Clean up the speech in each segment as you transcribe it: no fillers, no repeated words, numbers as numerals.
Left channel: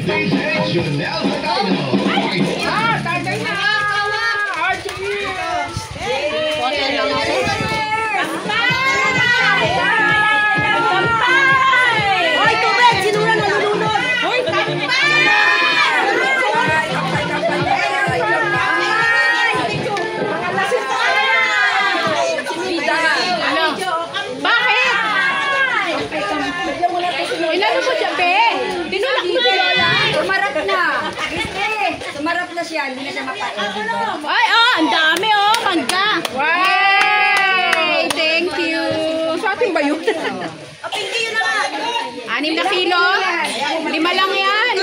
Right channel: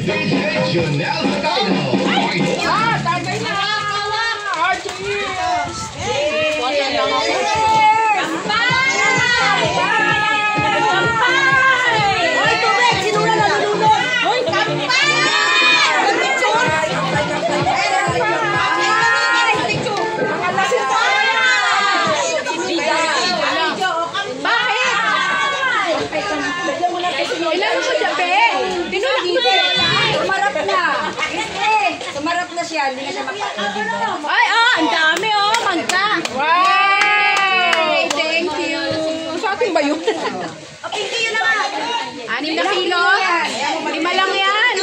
Tagay na! Sumarap na siya. Ay, ang dami kanta. Wow! Thank you. Sa atin ba yun? Pinky yun na nga. 6 na kilo. 5 lang yan.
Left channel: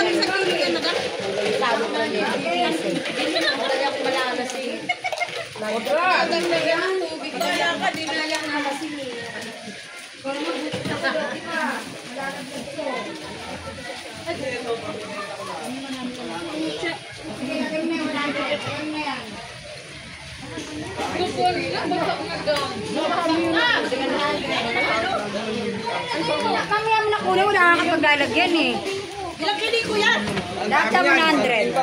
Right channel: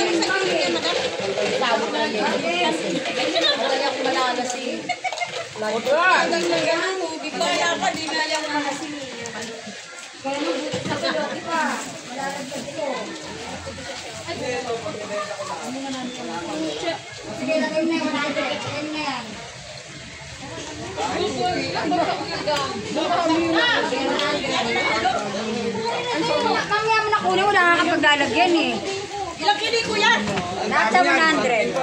Bigla ka, di na yan makasing. Mamaya mo na kunin, wala nakakapaglalagyan eh. Ilang kili ko yan? Lahat na 100.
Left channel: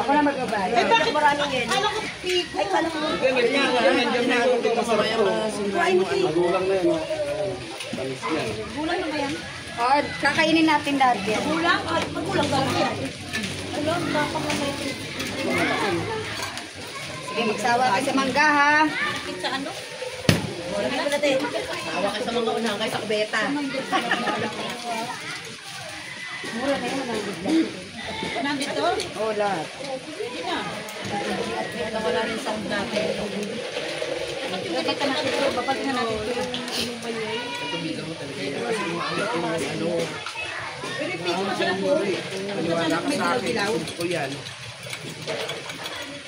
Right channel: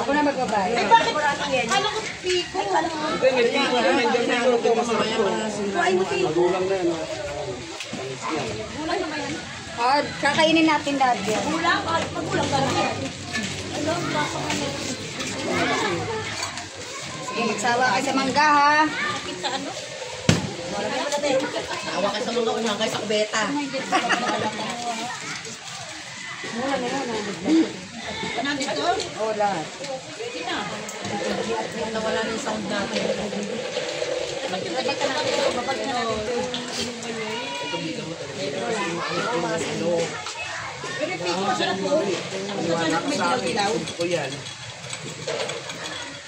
Ako na magbabayad. Eh bakit maraming yan? Ano ko piko? Ay, kala mo. Ay, muti. Gulang na ba yan? Oh, kakainin natin lahat yan. Gulang? Gulang ka lang. Sige, magsawa ka sa mangga ha. Sa ano? Tawa ka sa mga unahan kayo sa kubeta. Nandito? Oo, lahat. Nawala na yung sound natin. Pero pito masarap po. Masarap may dilaw-dilaw.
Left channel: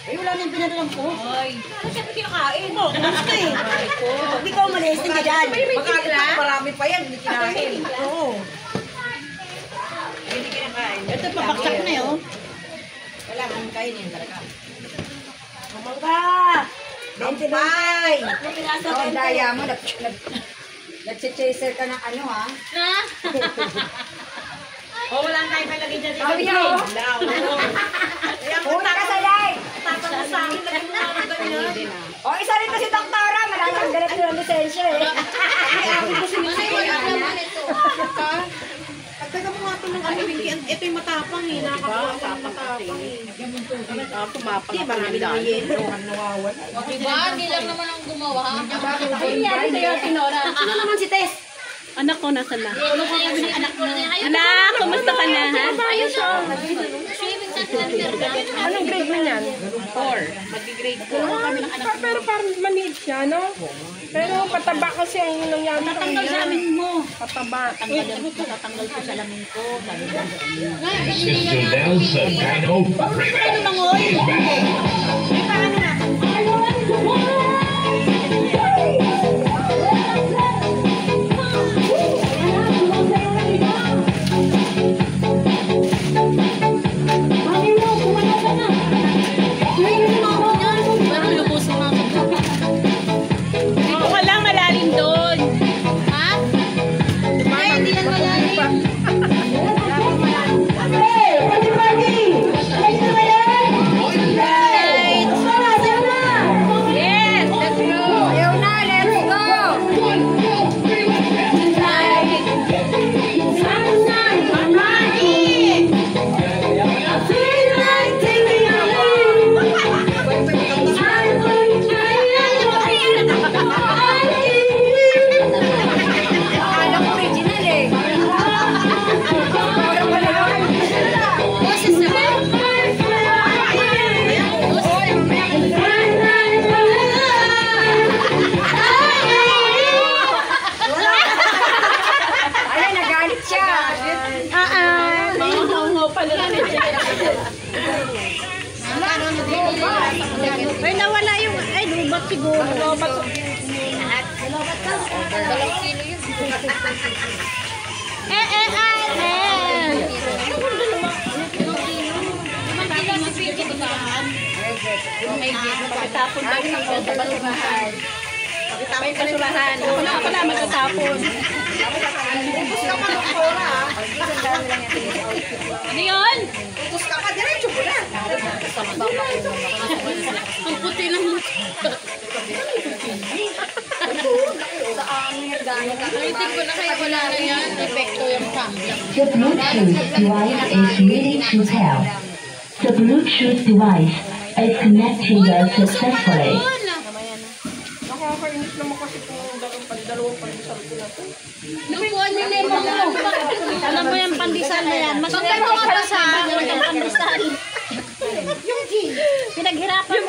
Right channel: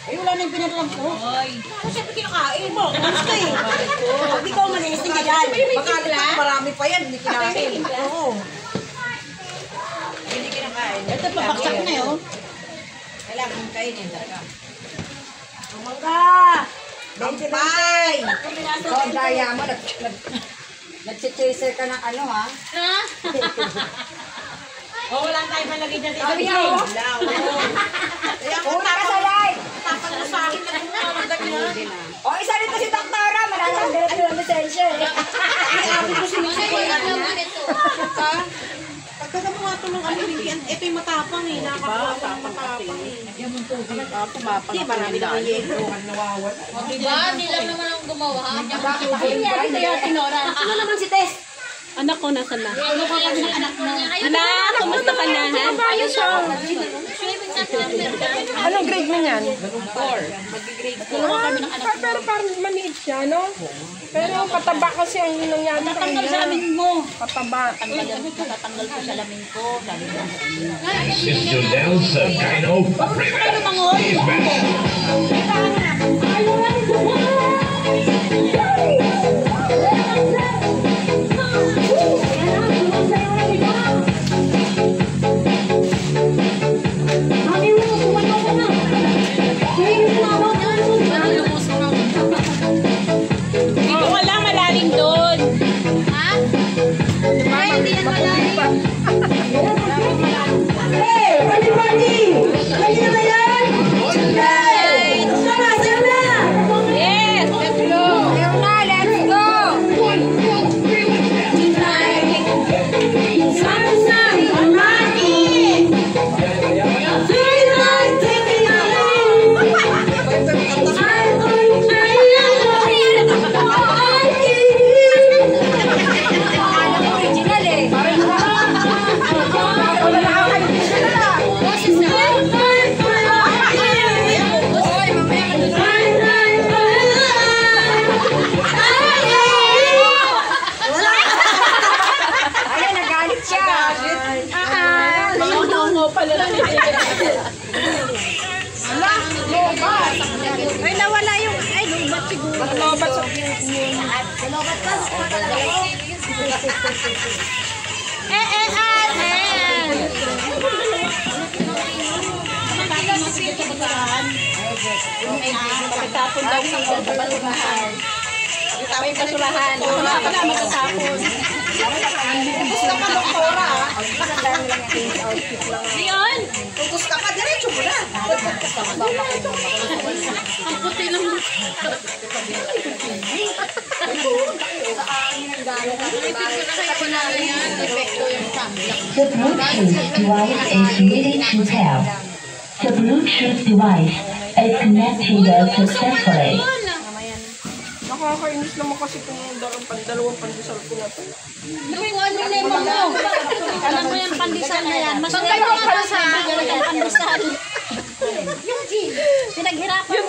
Ay, wala na yung pinadalang ko. Ay. Siyempre kinakain mo. Gusto eh. Hindi ko umalis. Hindi ka dyan. Marami pa yan. Hindi kinakain. Oo. Hindi kinakain. Ito papaksak na yun. Kailangan kain yun talaga. Mangga! Bye! Ang daya mo, nag-chaser ka ng ano ha? O, wala tayong palagay dyan. Sabi niyo? Una ka sa live! Tatang na sa akin. Lagyan mo na ako ganyan. O, isa rin to si Doktora. Malalagalit ko ng lisensya eh. Sabi ko sinusukoy. Pagkata mo nga ito ng ano, ito yung matapang eh. Nakakakuha ko ng matapang eh. Hindi, marami na kayo yun. Diba? Hindi lang naman ang gumawa. Ay, yan sa'yo, Tinora. Ano naman si Tess? Anak ko, nasa na? Ano ka kami ng anak mo? Anak, kumusta ka na, ha? Anong grade mo yan? 4. Mag-grade 4. Tulungan kami ng anak mo. Pero parang maliit siya, no? Pero pataba kasi ang nangyari sa Tatanggal kanya. sa amin mo. Pataba. Matatanggal ko sa lamin ko. Sabi mo. Mr. Nelson Dino Rivera is back. Dito ka lang, malalim doon. Yes, let's go. Leona, let's go! Alam mo, original eh. Ay, nagalit siya. Mahango pala lang. Ay, nawala yung, ay, lumat siguro. Lumat sa... Pagkatapon daw siya sa basurahan. May basurahan. Ako na pala magtatapon. Gusto ka doktora ah. Yun! Ang puti naman. Ulitin ko na kaya wala na yan. Epekto yung camera. The Bluetooth device is ready to pair. The Bluetooth device is connected successfully. Nakakainis naman kasi kung dalawang pandesal ko na ito. Alam mo yung pandesal na yan. Mas meron ka pa sa pandesal. Yung gin. Pinaghirapan Yung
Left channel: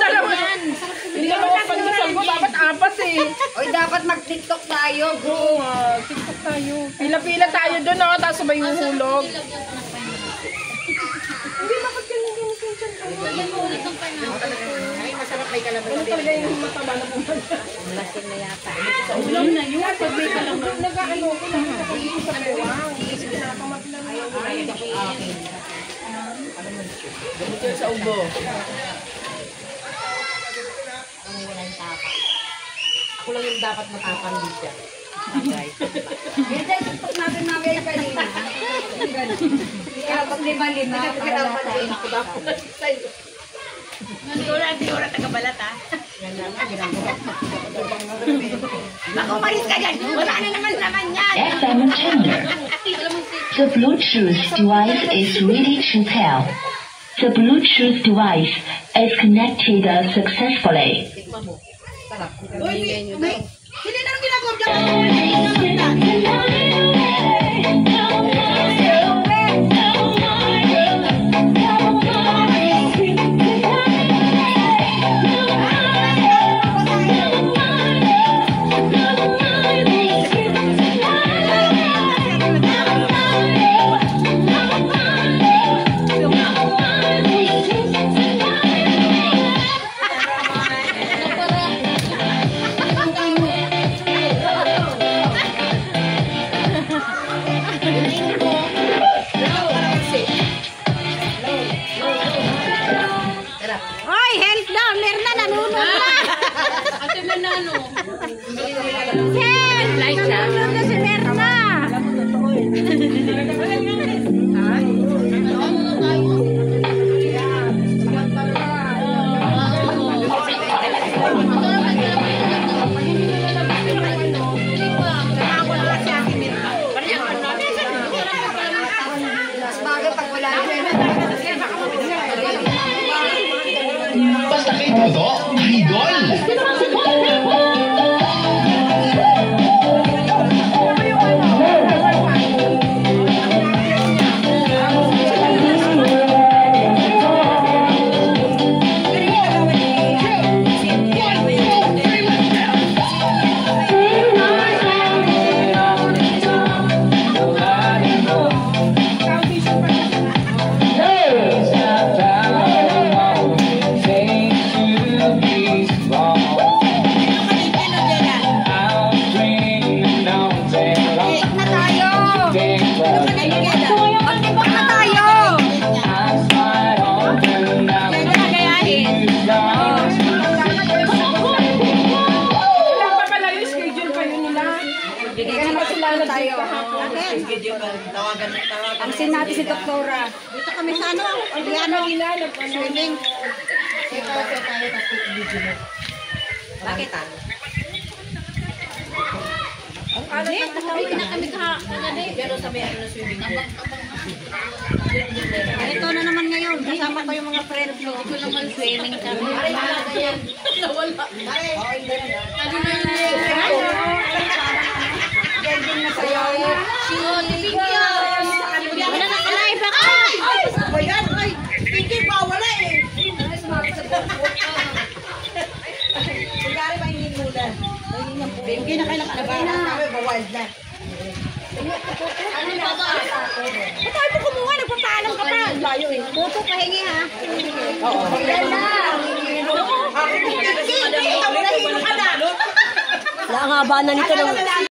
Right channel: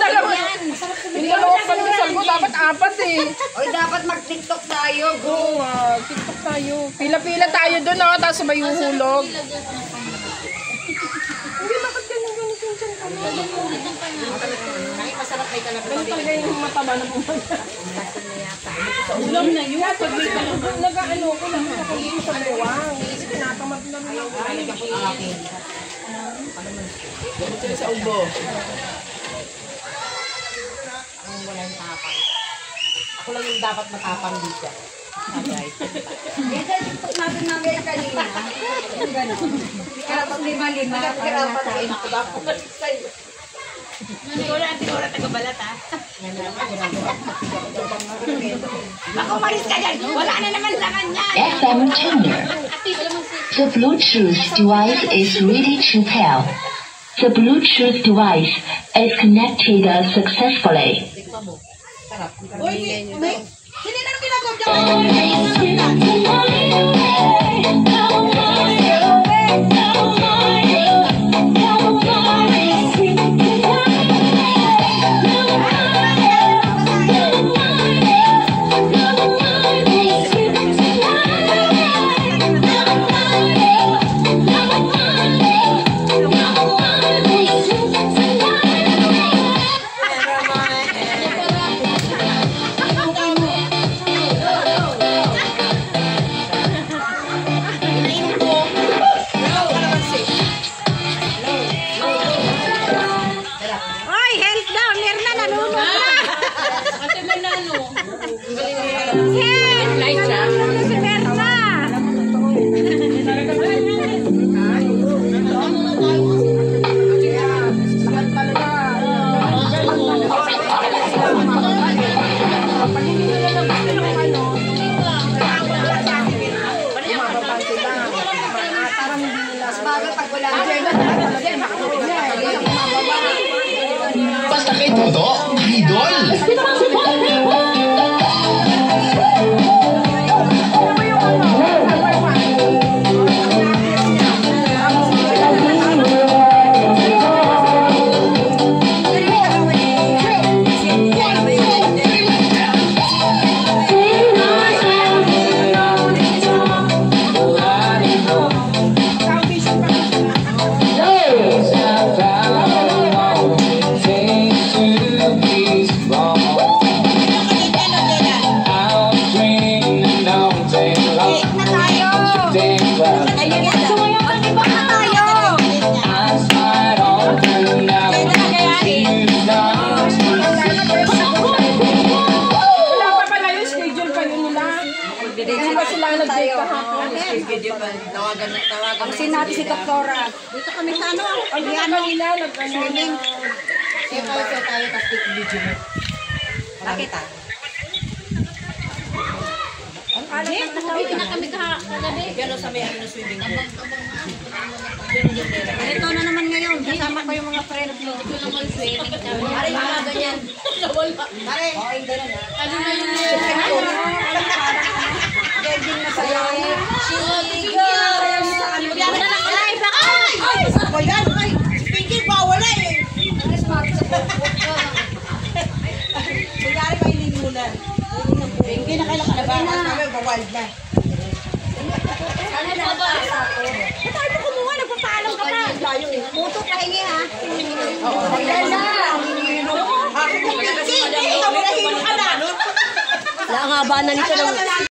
dalawang pandesal ko, dapat apat eh. Oy, dapat mag-tiktok tayo. Oo nga, TikTok tayo. Pila-pila tayo doon, no? Tapos sabay yung hulog. Hindi, bakit ganyan pinsan ko? Ay, masarap may kalaban. Ganun talaga yung mataba na pumunta. Ulam na yun. Pag may kalaman. Nag-ano ko, nakita ko dito sa bewang. Tinatamad na lang. Ganito sa ubo. Ang walang tapang. Ako lang yung dapat matapang dito. Right. Yan tayo, tiktok natin mga kanina. Yung gano'n. Hindi ka lang pag lima-lima. Hindi ka lang patayin ako dapat sa'yo. Siguro taga-balat ha. Yan naman, ginagawa ko. Ako malis ka dyan. Wala na naman naman yan. FM tuner. The Bluetooth device is ready to pair. The Bluetooth device is connected successfully. Tikma mo. Sarap. Uy, may... Hindi na nang ginagawa dyan. Hoy, help daw. Meron na nanunod na. Ate Menano. Light siya. Si Merna. Basta kay Toto, idol! Kasi natin si Doktora. Dito kami sa ano? Swimming. Kaya tayo tapos video mo. Bakit ah? Ang alam na kami pero sa may ano swimming pool. Ito na naman ngayon. Kasama ko yung mga friends ko. Ito naman swimming kami. Pare, mga ganyan. Nawala. Pare, okay na lang. Ano na yun? Ganding na sa'yo. Thank you. Ako yan. Pinky, bawala eh. Kunyari pa hindi muna. Pinky na kailangan na ba? Sabi, bawal na. Ano na ba? Ito mo kumuha, nagpapaalam ka na. Puto pahingi ha. Oo. Ayan na. Pinky, ikaw mo na hilo ka na. Wala nga ba na nito ng...